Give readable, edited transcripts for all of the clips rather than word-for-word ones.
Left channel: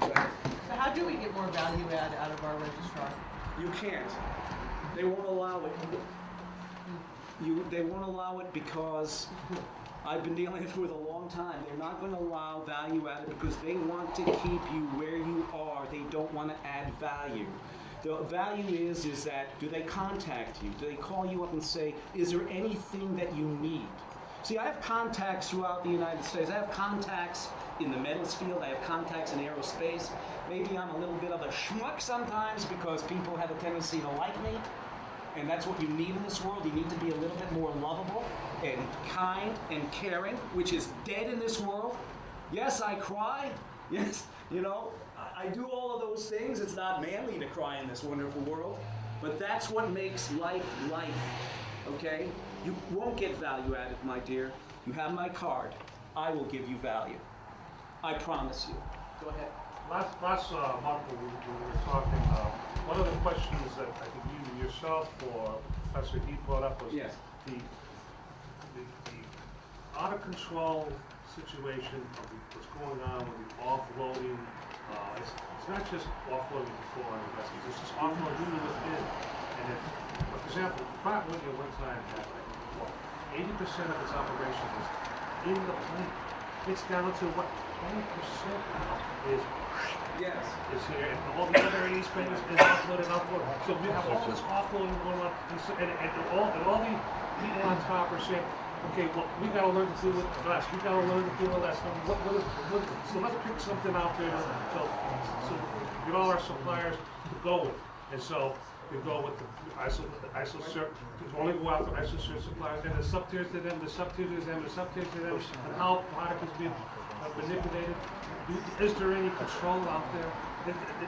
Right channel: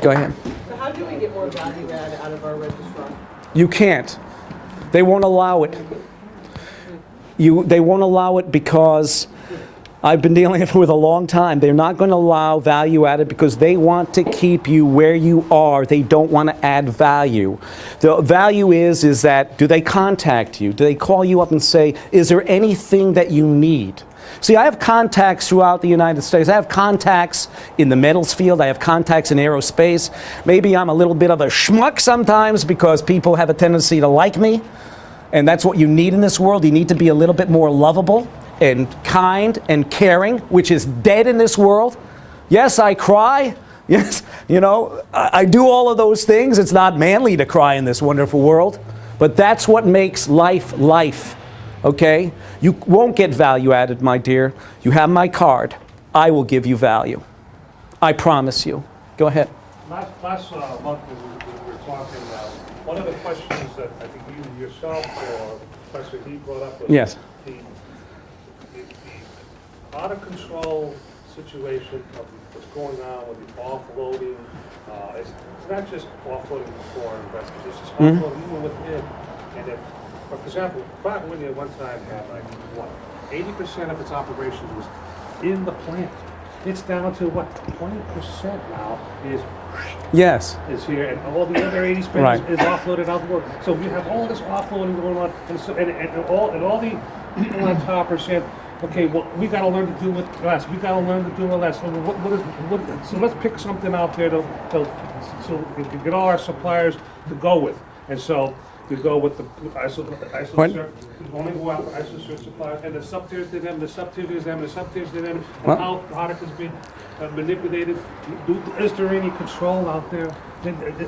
Go ahead. So how do we get more value add out of our registrar? You can't. They won't allow it. They won't allow it because I've been dealing with it a long time. They're not going to allow value added because they want to keep you where you are. They don't want to add value. The value is that, do they contact you? Do they call you up and say, is there anything that you need? See, I have contacts throughout the United States. I have contacts in the metals field. I have contacts in aerospace. Maybe I'm a little bit of a schmuck sometimes because people have a tendency to like me. And that's what you need in this world. You need to be a little bit more lovable and kind and caring, which is dead in this world. Yes, I cry. Yes, you know, I do all of those things. It's not manly to cry in this wonderful world. But that's what makes life life, okay? You won't get value added, my dear. You have my card. I will give you value. I promise you. Go ahead. Last month when we were talking about, one of the questions that I think you yourself or Professor D brought up was yes. the out-of-control situation of what's going on with the offloading. It's not just offloading for investors, it's just offloading even within. And if, for example, Pratt & Whitney at one time had like, what, 80% of its operations was in the plant. It's down to what, 20% now is yes. is here, and all the other 80% right. is offloaded out the door. So we have all this offloading going on, and, so, and all the people on top are saying, okay, well, we got to learn to do with less. We got to learn to do with less. So let's pick something out there so we can get all our suppliers to go with. And so you go with the ISO want to go after ISO cert suppliers, and the sub-tiers to them, the sub-tiers to them, the sub-tiers to them, and how product is being manipulated. Is there any control out there?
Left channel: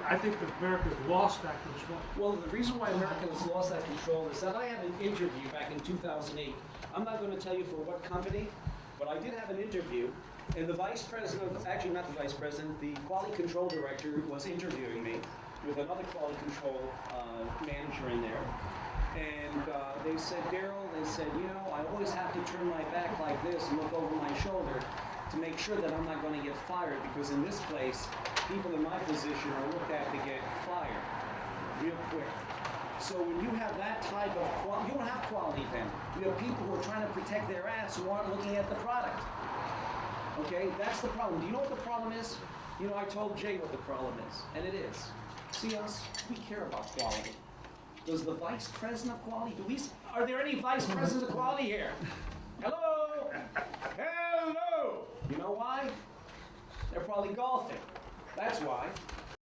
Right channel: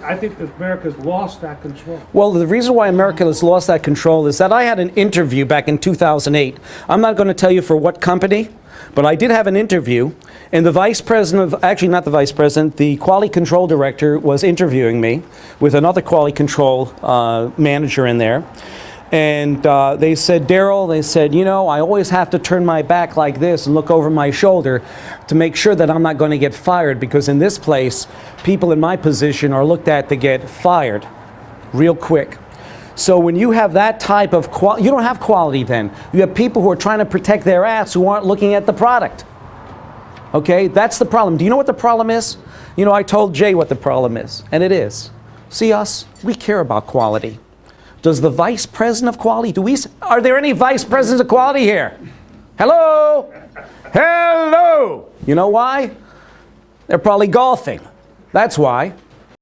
I think that America's lost that control. Well, the reason why America has lost that control is that I had an interview back in 2008. I'm not going to tell you for what company, but I did have an interview, and the vice president of, actually not the vice president, the quality control director was interviewing me with another quality control manager in there. And they said, Daryl, they said, you know, I always have to turn my back like this and look over my shoulder to make sure that I'm not going to get fired, because in this place, people in my position are looked at to get fired real quick. So when you have that type of quality, you don't have quality then. You have people who are trying to protect their ass who aren't looking at the product. Okay, that's the problem. Do you know what the problem is? You know, I told Jay what the problem is, and it is. See us, we care about quality. Does the vice president of quality, are there any vice presidents of quality here? Hello? Hello? You know why? They're probably golfing. That's why.